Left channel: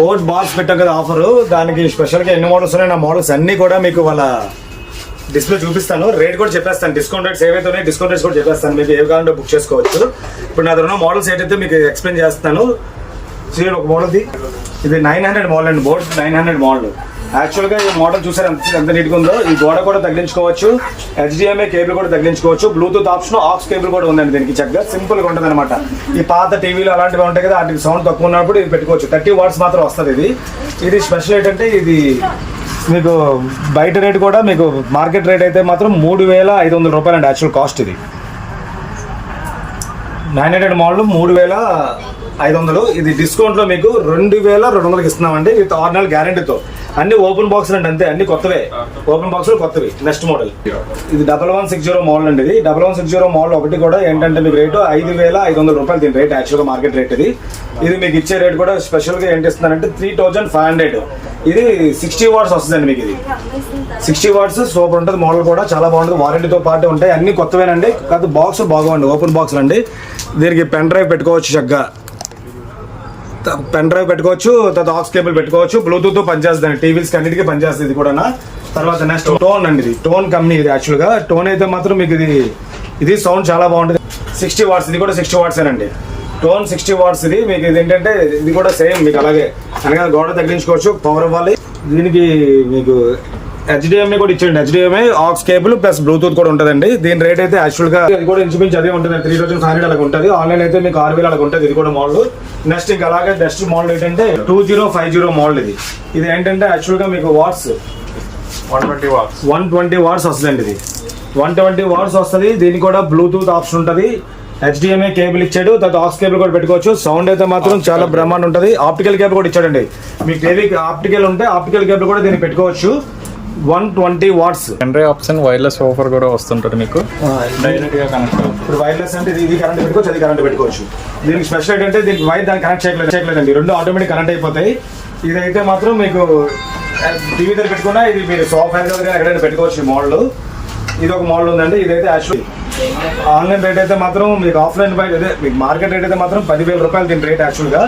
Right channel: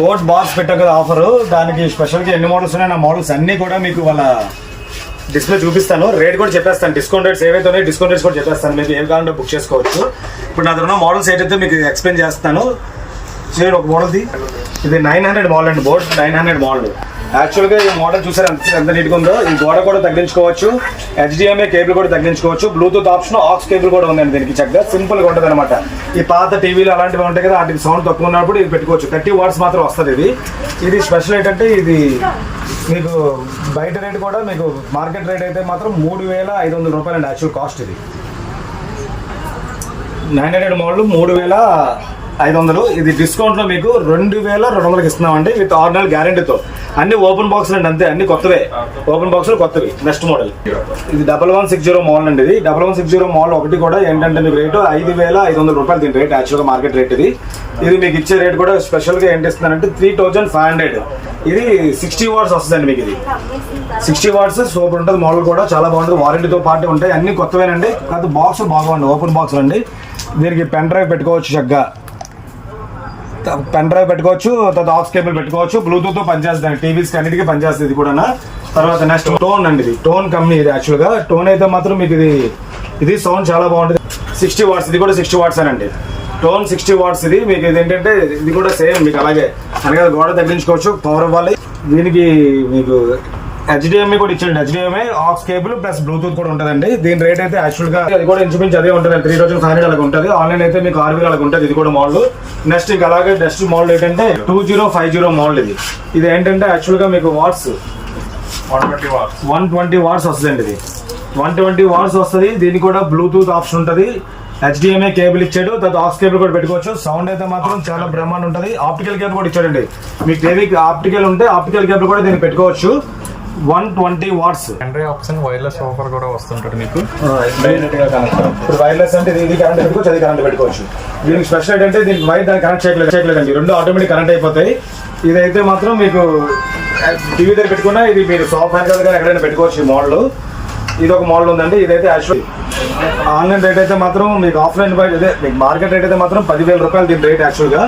Boat box పెట్టాం కదా offer, దానికి స్పెషల్ గా ఎన్ని మోడల్స్ ఉన్నాయి, నా మోడల్స్ అన్ని కూడా మీకు వాళ్ళ డిస్ప్లే చూపిస్తాను. రేట్ కూడా చెప్పేస్తాను, డిస్కౌంట్ రేట్స్ ఏవైతే ఉన్నాయి డిస్కౌంట్ రేట్స్ కూడా చెప్పేస్తాను. మీకు ఏ కావాలంటే బుక్ చేసుకోవచ్చు. ఇప్పుడు నా దగ్గర ఉన్న మోడల్స్ ఏంటైతే మీకు ఎక్స్ప్లెయిన్ చేస్తాను. చూడండి ఒక మోడల్ది, ఇది 900 మోడల్ అండి, బోట్ 900 మోడల్. యాక్చువల్గా ఈ మోడల్ చూసారు ఎంత నీట్గా ఉందో. ఈ గోడ కూడా తగ్గించుకోవచ్చు, HDMI కేబుల్ కూడా తగ్గించుకోవచ్చు, బ్లూటూత్ ఆప్షన్, ఆక్స్ కేబుల్ కూడా ఉందండి దీనికి. చక్కగా సింపుల్ గా ఉంటుంది అనమాట. ఈ పాత టీవీలు అలాంటివి ఉంటాయి కదా, వాటికి సౌండ్ తక్కువ ఉన్నప్పుడు ఇది పెట్టుకోవచ్చు. 30 వాట్స్ మాత్రం వస్తుంది. ఇది స్పెషల్ ఏంటంటే ఇది మీకు బయట రేట్ కూడా మీకు మార్కెట్ రేట్ అయితే మాత్రం 3500 రూపాయలు అండి యాక్చువల్ కాస్ట్. ఇది 900 మోడల్ 3500. ఇది డిస్కౌంట్ లో మీకు 2200 ఇస్తున్నామండి విత్ 6 నెలల గ్యారంటీతో. అన్ని ఓపెన్ బాక్స్ అండి, అంతే అన్ని కొత్తవే, ఓపెన్ బాక్స్ కొత్తవి. నెక్స్ట్ మోడల్ ఇది 1160 మోడల్ అండి. ఇది 1160 మోడల్ ఒకటి కూడా ఏంటంటే మీకు రేటు 5500 రూపాయలు దీని రేట్ యాక్చువల్గా మార్కెట్ రేట్. ఇది మీకు ఇచ్చే రేట్ కూడా స్పెషల్ గా ఏం చేస్తున్నారంటే 3500. ఇది 60 వాట్స్ వస్తుందండి మీకు. ఇది 60 వాట్స్ సూపర్ ఉంటుంది. మోడల్ కూడా చాలా బాగుంటుంది, వారంటీతో పాటు ఉంటాయి. అన్ని కొత్తవేనండి, కాదు బాక్స్ బాగుంది, ఓపెన్ బాక్స్ అండి. దీనికి పెన్ డ్రైవ్ పెట్టుకోవచ్చు, చక్కగా పెన్ డ్రైవ్ పెట్టుకోవచ్చు, తర్వాత ఆక్స్ కేబుల్ పెట్టుకోవచ్చు, బ్లూటూత్ పనిచేస్తుంది, టీవీస్ అన్నిటికీ పనిచేస్తుంది ఇది కూడా. తర్వాత నెక్స్ట్ టోన్ అండి, ఇది టోన్ కంపెనీ. ఇది యాక్చువల్ గా టోన్ అయితే మాత్రం మీకు ఇది సౌండ్ చాలా బాగుంటుంది. 60 వాట్స్, ఇది కూడా 60 వాట్స్ అండి. Tone 60 watts. ఇది మీకు ఇది ఏంటంటే ఇది కూడా సేమ్ మీకు అలాగే అనగా గోడ తగిలించుకోవచ్చు, పవర్ ఇవ్వాలి. దీనికి మీకు HDMI కూడా ఇచ్చండి, HDMI aux cable plus Bluetooth కూడా ఉంటుందండి. దీని రేట్ అయితే యాక్చువల్ గా ఇది కూడా ఇంచుమించు అదే ఉంటుంది, 3500 అలాగ ఉంటుంది. ఆన్లైన్ అయితే మీకు 6000 అలాగ ఉంటుంది. ఇది కూడా మోడల్. నెక్స్ట్ ఇంకా అలాగే నెక్స్ట్ మోడల్ ఏంటంటే 2050 మోడల్. ఇది ఏంటంటే యాక్చువల్ గా మీకు వాట్స్ 120 వాట్స్ వస్తుందండి. ఇది 120 వాట్స్ వస్తుంది. దీనికి కూడా బ్లూటూత్ ఆప్షన్ ఉంటుంది, HDMI కేబుల్ ఇచ్చాడు, తర్వాత ఆక్స్ కేబుల్ కూడా పెట్టుకోవచ్చు. సౌండ్ అయితే మాత్రం చాలా బ్రహ్మాండం ఉంటుంది. ఆప్టికల్ కేబుల్ కూడా ఇచ్చాడండి. మీకు టీవీకి ఆప్టికల్ ఉంటే ఆప్టికల్ కేబుల్ కూడా దీన్ని పెట్టుకోవచ్చు. 120 watts. Pen drive option, wireless offer కూడా వస్తుంటుంది మీకు. ఇప్పుడు వైర్లెస్ అంటే ఇది కరెంట్ పెట్టుకోవచ్చు, అది కరెంట్ పెట్టుకోవచ్చు. దీనికి స్పెషల్ ఏంటంటే దీనికి వైర్ దాన్ని కనెక్ట్ చేయలేదండి, రెండు ఆటోమేటిక్ కనెక్ట్ అయిపోతాయి. ఇదైతే మాత్రం మీకు టీవీ దగ్గర పెట్టుకున్నా, ఇది మీరు సాఫ్ట్ హ్యాండ్ కానీ ఎక్కడైనా పెట్టుకోవచ్చు. ఈ మోడల్ ఇది ఒక మోడల్ ఉందండి. ఇదైతే యాక్చువల్ ఆన్లైన్ రేట్ అయితే మాత్రం మీకు ఆఫ్లైన్ ఇదే మీకు మార్కెట్ రేట్ అయితే మాత్రం 10,000 రూపాయలు దీని రేట్. యాక్చువల్గా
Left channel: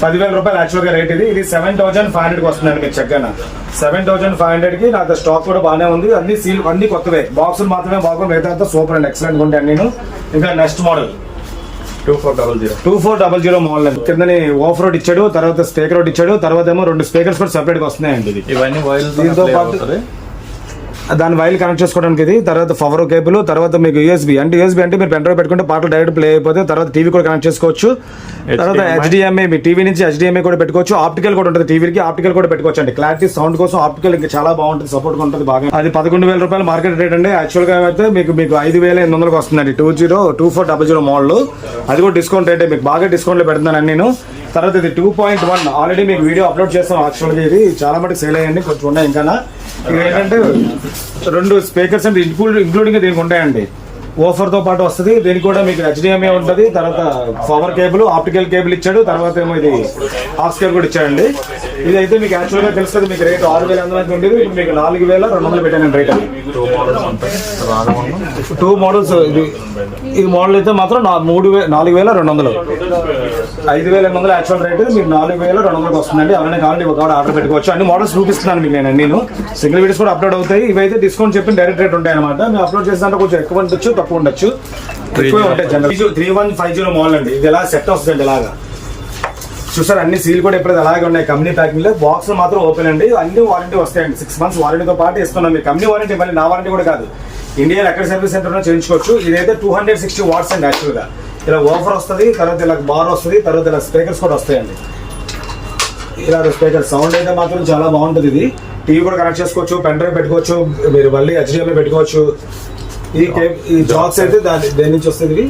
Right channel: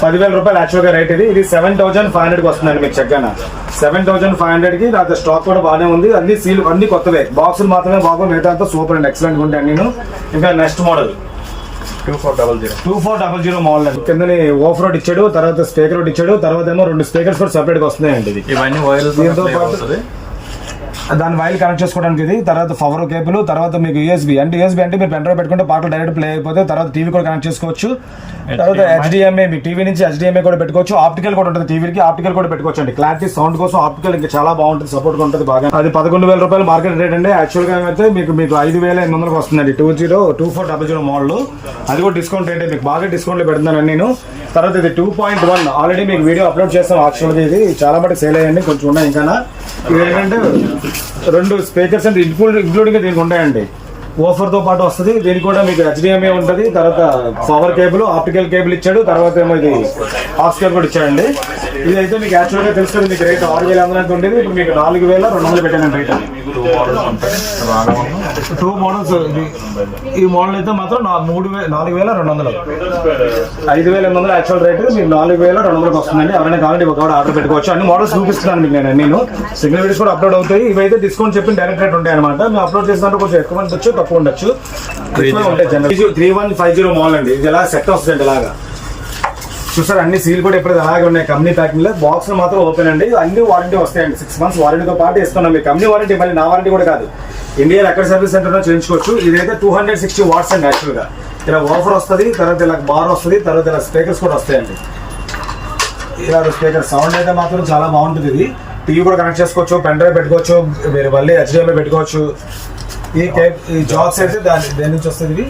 10,000 రూపాయలు యాక్చువల్గా రేట్. ఇది 7,500కి వస్తుందండి మీకు. చక్కగా 7,500కి. నాకు స్టాక్ కూడా బాగానే ఉంది, అన్ని సీల్ అన్ని కొత్తవే, బాక్సులు మాత్రమే బాగుంది, మిగతా సూపర్ అండి, ఎక్సలెంట్ ఉంటాయి నేను. ఇంకా నెక్స్ట్ మోడల్ 2400 మోడల్ అండి. కిందని ఆఫ్ రోడ్ ఇచ్చాడు, తర్వాత స్పీకర్ రోడ్ ఇచ్చాడు, తర్వాత ఏమో 2 స్పీకర్స్ కూడా సెపరేట్ గా వస్తున్నాయండి. ఇవన్నీ దీంతో పాటు దాని వైర్ కనెక్ట్ చేసుకోవడానికి ఇది, తర్వాత పవర్ కేబుల్, తర్వాత మీకు యూఎస్బీ అంటే మీరు పెన్ డ్రైవ్ పెట్టుకుంటే పాటలు డైరెక్ట్ ప్లే అయిపోతే, తర్వాత టీవీ కూడా కనెక్ట్ చేసుకోవచ్చు. తర్వాత HDMI మీ టీవీ నుంచి HDMI కూడా పెట్టుకోవచ్చు. ఆప్టికల్ కూడా ఉంటుంది, టీవీకి ఆప్టికల్ కూడా పెట్టుకోవచ్చు అండి. క్లారిటీ సౌండ్ కోసం ఆప్టికల్ ఇంకా చాలా బాగుంటుంది, సపోర్ట్ ఉంటుంది బాగా. అది 11,000 రూపాయలు మార్కెట్ రేట్ అండి. యాక్చువల్ గా అయితే మీకు 5,800కి వస్తుందండి. 2400 మోడల్. అది కూడా డిస్కౌంట్ రేట్, మీకు బాగా డిస్కౌంట్ లో పెడుతున్నాను నేను. తర్వాత ఇది 2.1 ఆల్రెడీ మీకు వీడియో అప్లోడ్ చేస్తాను. యాక్చువల్గా ఇది చాలా మటుకు సేల్ అయ్యండి, కొంచెం ఉన్నాయి ఇంకా. ఇది ఏంటంటే 2 స్పీకర్స్ అంటే ఇంక్లూడింగ్ దీనికి ఉంటాయండి. ఓఫర్ తో పాటు వస్తుంది. దీనికి కూడా మీకు HDMI ఉంటుంది, తర్వాత పవర్ కేబుల్, ఆప్టికల్ కేబుల్ ఇచ్చాడు, తర్వాత ఏమో ఇది ఆక్స్ కేబుల్ కూడా ఇచ్చాడండి. ఇది అయితే మీకు యాక్చువల్ గా తెలుస్తుంది మీకు రేట్ 6,000 ఉండేది, ఇప్పుడు మీకు 4,200 పెట్టానండి రేట్. 2 మోడల్స్. ఇది మోడల్ అయితే మాత్రం 4,200, 5,800 యాక్చువల్ రేట్, మీకు 4,200కి వస్తుందండి. ఎవరైనా కావాలంటే ఒక ఆర్డర్ పెట్టుకోవచ్చు. అన్ని మోడల్స్ చూపిస్తున్నాను మీకు నేను సింగిల్ వీడియోస్ కూడా అప్లోడ్ అవుతాయి. ఇవైతే డిస్కౌంట్ చెప్పిన డైరెక్ట్ రేట్ ఉంటాయి అనమాట. మేము అప్లోడ్ చేసినట్టు కొంచెం ఎక్కువ ఉండొచ్చు, తక్కువ ఉండొచ్చు, ఎక్కువ ఉంటాయి. 3150 మోడల్ అండి. ఇది ఎలా సెట్ వస్తుంది ఇలాగా చూసారు. అన్ని సీల్ కూడా ఎప్పుడు అలాగే ఉన్నాయి, కంపెనీ ప్యాకింగ్ లో. బాక్స్ మాత్రం ఓపెన్ అండి. అన్ని వారంటీ వస్తాయండి, 6 months వారంటీతో పాటు ఇస్తున్నాం. మీకు కంపెనీ వారంటీ, మళ్ళీ నా వారంటీ కూడా కాదు, ఇండియా ఎక్కడ సర్వీస్ సెంటర్ చేయించుకోవచ్చు. ఇదైతే 260 వాట్స్ అండి. యాక్చువల్ గా ఇలా ఓఫర్ వస్తుంది, తర్వాత ఇలా బార్ వస్తుంది, తర్వాత ఇలా స్పీకర్స్ కూడా వస్తాయండి. ఇలా స్పీకర్ సౌండ్ అయితే మాత్రం చాలా బాగుంటుంది. ఇది టీవీ కూడా కనెక్ట్ చేసుకోవచ్చు, పెన్ డ్రైవ్ పెట్టుకోవచ్చు, మీరు మళ్ళీ HDMI పెట్టుకోవచ్చు. ఈ జాక్స్ అయితే దేని నుంచి వస్తుంది? ఇవి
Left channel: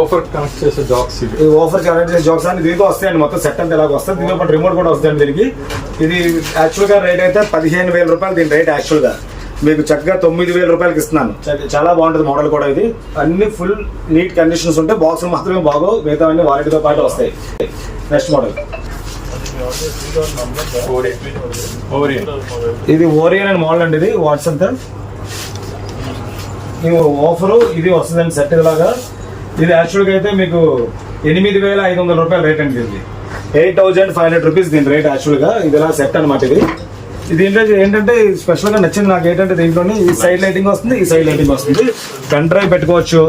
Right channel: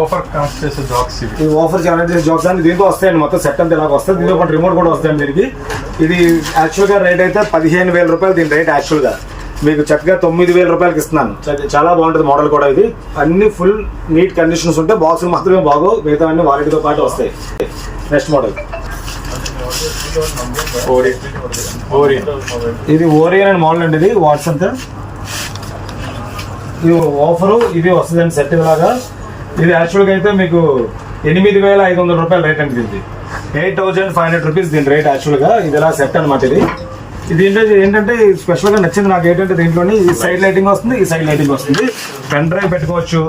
ఓఫర్ కనెక్ట్ చేసే జాక్స్. ఈ ఓఫర్ కనెక్ట్ చేసే జాక్స్ అని దీంతో వస్తాయండి. మొత్తం సెట్ అంతా ఇలాగ వస్తుంది. దీంతో పాటు రిమోట్ కూడా వస్తాయండి దీనికి. ఇది యాక్చువల్ గా రేట్ అయితే 15,000 రూపాయలు దీని రేట్. యాక్చువల్ గా మీకు చక్కగా 9,000 రూపాయలకి ఇస్తున్నాను. చాలా బాగుంటుంది మోడల్ కూడా. ఇది అన్ని ఫుల్ నీట్ కండిషన్స్ ఉంటాయి, బాక్స్ మాత్రమే బాగో, మిగతా అన్ని వారంటీతో పాటు వస్తాయి. నెక్స్ట్ మోడల్ ఇది ఓరియన్ అని మోడల్ అండి. ఇది వాట్సాప్ ఇది ఆఫరు, ఇది వస్తుందండి సెట్ లాగా. ఇది యాక్చువల్గా అయితే మీకు 8,500 రూపాయల రేట్ అండి. ఇది 8,500 రూపీస్ దీని రేట్ యాక్చువల్ గా. ఇది ఎలా సెట్ అనమాట. ఇది ఏంటంటే స్పెషల్ గా నచ్చింది నాకు ఏంటంటే దీంట్లోనే ఈ సైడ్ లైటింగ్ వస్తుంది, ఈ సైడ్ లైటింగ్ వస్తుంది. పెన్ డ్రైవ్ పెట్టుకోవచ్చు.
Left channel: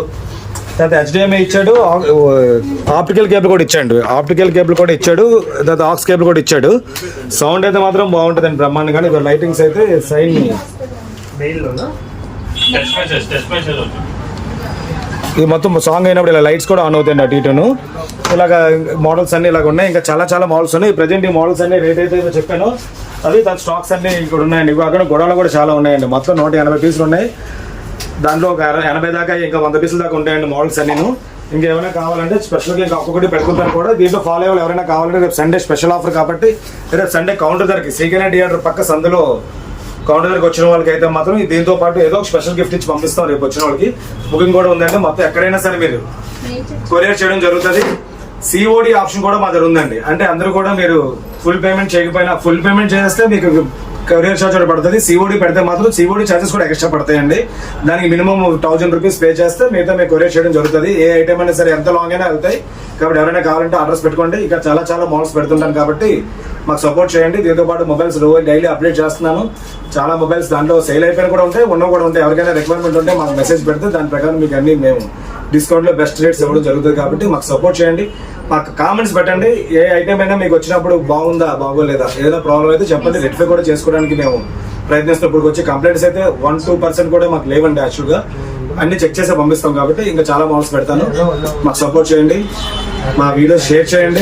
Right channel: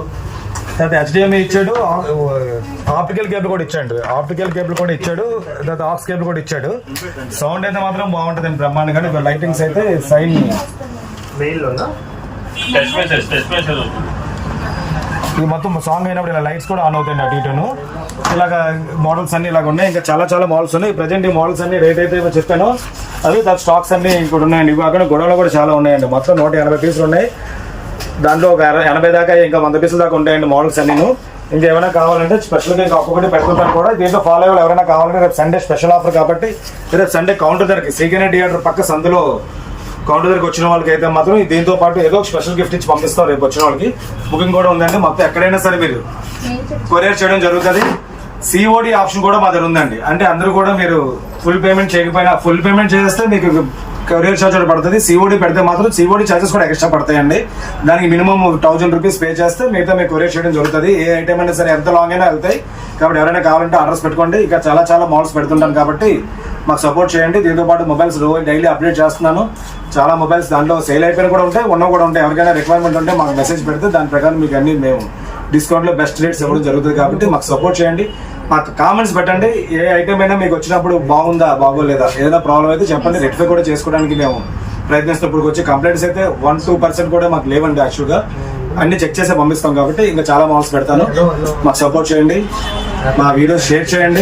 తర్వాత HDMI ఇచ్చాడు, ఆప్టికల్ కేబుల్ కూడా ఇచ్చాడు, తర్వాత ఆక్స్ కేబుల్ కూడా ఇచ్చాడు. సౌండ్ అయితే మాత్రం బాగుంటుందండి బ్రహ్మాండంగా. లైటింగ్స్ అయితే సైన్ ఇది మొత్తం సాంగ్ అయినప్పుడు ఇలా లైట్స్ కూడా ఆన్ అవుతాయండి అటు ఇటును. ఇలాగ మోడల్స్ అన్ని ఇలాగ ఉన్నాయి. ఇంకా చాలా చాలా మోడల్స్ ఉన్నాయి. ప్రజెంట్ ఈ మోడల్స్ అన్ని రేట్ అయితే చెప్పాను అవి తర్వాత స్టాక్స్ అన్ని ఇక్కడ ఉన్నాయండి. ఇవి అక్కడ గొడవలు కూడా చాలా ఉన్నాయండి. మొత్తం 180 పీసులు ఉన్నాయి. దాంట్లో ఒక 80 దాకా ఇంకా 100 పీసుల దాకా ఉంటాయండి మోడల్స్ అన్ని. ఇంకేమైనా కావాలంటే స్పెషల్గా ఇంకా ఒక్కొక్కటి పెట్టుకుంటాను కూడా. దీంట్లో ఫాలో అయ్యే ఎవరైనా కావాలంటే రేపు సండే స్పెషల్ ఆఫర్ కాబట్టి రేపు సండే కౌంటర్ ధరకి శ్రీకనే థియేటర్ పక్క సందులో కౌంటర్ దగ్గరికి వచ్చిన వాళ్ళకి అయితే మాత్రం దీంతో పాటు ఏదో ఒక స్పెషల్ గిఫ్ట్ ఇచ్చి పంపిస్తాం రేపు వచ్చిన వాళ్ళకి. బుకింగ్ కూడా ఉందండి. మొత్తం ఎక్కడైనా సరే మీరు కొరియర్ చేయడం జరుగుతుంది. COD ఆప్షన్ కూడా మా దగ్గర ఉందండి. అంటే అందరూ కూడా మీరు ఫుల్ పేమెంట్ చేయకపోయినా ఫుల్ పేమెంట్ చేస్తే మీకు కొరియర్ ఛార్జ్ కూడా పడుతుంది. COD పెడితే మాత్రం COD ఛార్జెస్ కూడా ఎక్స్ట్రా పడతాయండి. దానికి మినిమం 1000 రూపీస్ పే చేస్తే మిగతా మీకు కొరియర్ చేయడం జరుగుతుంది. ఏ ఐటమ్ అయినా సరే ఎంత లాంగ్ అయినా వెళ్తాయి కాబట్టి ఎవరైనా కావాలంటే అడ్రస్ పెట్టుకోండి. ఇక చాలా చాలా మోడల్స్ పెడుతుంటాను కాబట్టి మాకు సపోర్ట్ చేయండి. దీంతో పాటు మొబైల్స్ డైలీ అప్డేట్ చేస్తున్నాను. చాలా మొబైల్స్ దాంట్లో సేల్ అయిపోయిన కూడా ఉంటాయి, ఉన్నవి కూడా ఉంటాయి. ఎవరికైనా రిక్వైర్మెంట్ ఉంటే మాకు మెసేజ్ పెడితే దాని ప్రకారం మీకు అన్ని మేము డిస్కౌంట్ లో బెస్ట్ రేట్స్ ఇవ్వడం జరుగుతుంది కాబట్టి మాకు సపోర్ట్ చేయండి. మాకు కామెంట్స్ పెట్టండి. ఏ ఐటమ్ అయినా మీకు వచ్చినప్పుడు బాగుందా బాగోలేదా ఏదైనా ప్రాబ్లం అయితే చెప్పండి. రెక్టిఫై కూడా చేసుకోవడానికి మేము ప్రయత్నిస్తున్నప్పుడు వచ్చి కంప్లైంట్స్ అయితే 1-2% కూడా మాకు లేవండి. యాక్చువల్ గా అన్ని చెక్ చేసి పంపిస్తాం కాబట్టి ఇంకా చాలా మోడల్స్ పెడతాను. మాకు సపోర్ట్ చేయండి. మా వీడియో షేర్ చేయండి.